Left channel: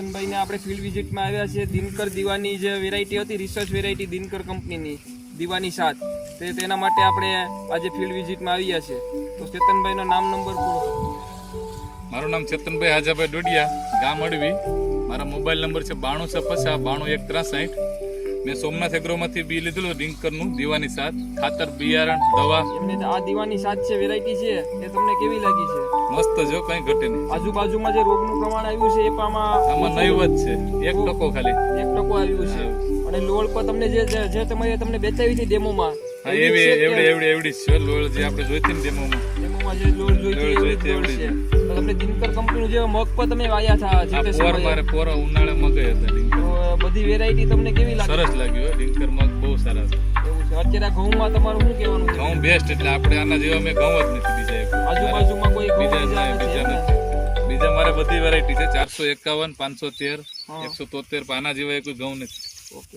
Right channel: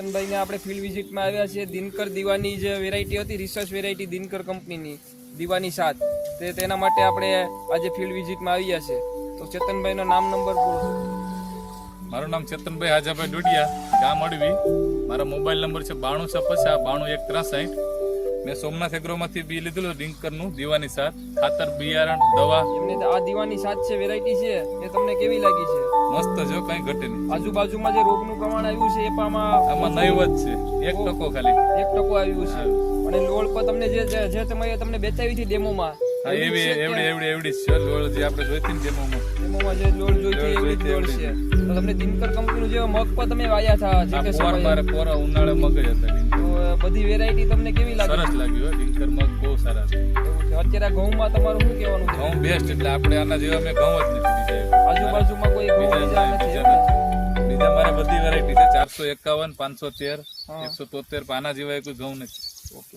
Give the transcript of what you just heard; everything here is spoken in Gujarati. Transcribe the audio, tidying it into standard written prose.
ચેતનભાઈને આપણે ફિલ્ડ વિઝિટમાં આવ્યા છીએ. દિનકર દીવાની જે વેરાયટી હતી, રિસર્ચ વેરાયટી દિનકર કંપનીની દીવાની 7, તેના માટે આપણે આજે ફિલ્ડ વિઝિટમાં આવ્યા છે. તો ચેતનભાઈનો નામ નંબર બોલો. મારું નામ ચેતનભાઈ હાજાભાઈ ડોડિયા, ગામ અડવી. મારા મોબાઈલ નંબર છે 9250 92 163. મેં સોમનાથ એગ્રોમાંથી બી લીધેલું ડિંકરનું દીવાની 7, ખાતર, બિયારણ, દવા. એમને આ દીવાની 7 છે વેરાયટી છે, એ તમને કેવી લાગી છે? મસ્ત જો, કઈ ઘટે નહીં. આજુબાજુમાં જે રોગનું પ્રમાણ આવ્યું છે એ આમાં નહીવત છે, 1% ખાલી 1% આવ્યું છે. અને લોળ પર તમને જે તમને બેચાવી હતી ડેમોમાં, એવડી છે લોળ જે આપણે જોઈતી ને ડેમોમાં જે લોળ જોઈતી એવડી લોળ છે. તો તમને દિનકર કંપનીનું જે મગ પર તમે વાયા હતા જે તે સમયે, મારે પોરા ઉનાળે મગઈ હતા ડિંકર. તો બધી વેરાયટી તમને કેવી લાગી? સરસ લાગ્યું ડિંકર મગ, બહુ સારા છે. અત્યારે ઘઉંમાં તમારું શું કહેવાનું છે? ઘઉં બેસ્ટ, એટલે આપણે આના જેવા મેં ઘઉં જ નથી બીજા. આજુબાજુમાં કોઈ ઘઉં બીજા મારે બધી વેરાયટી છે, 451, 513, 173, આના જેવા કોઈ ઘઉં નથી. ઓકે.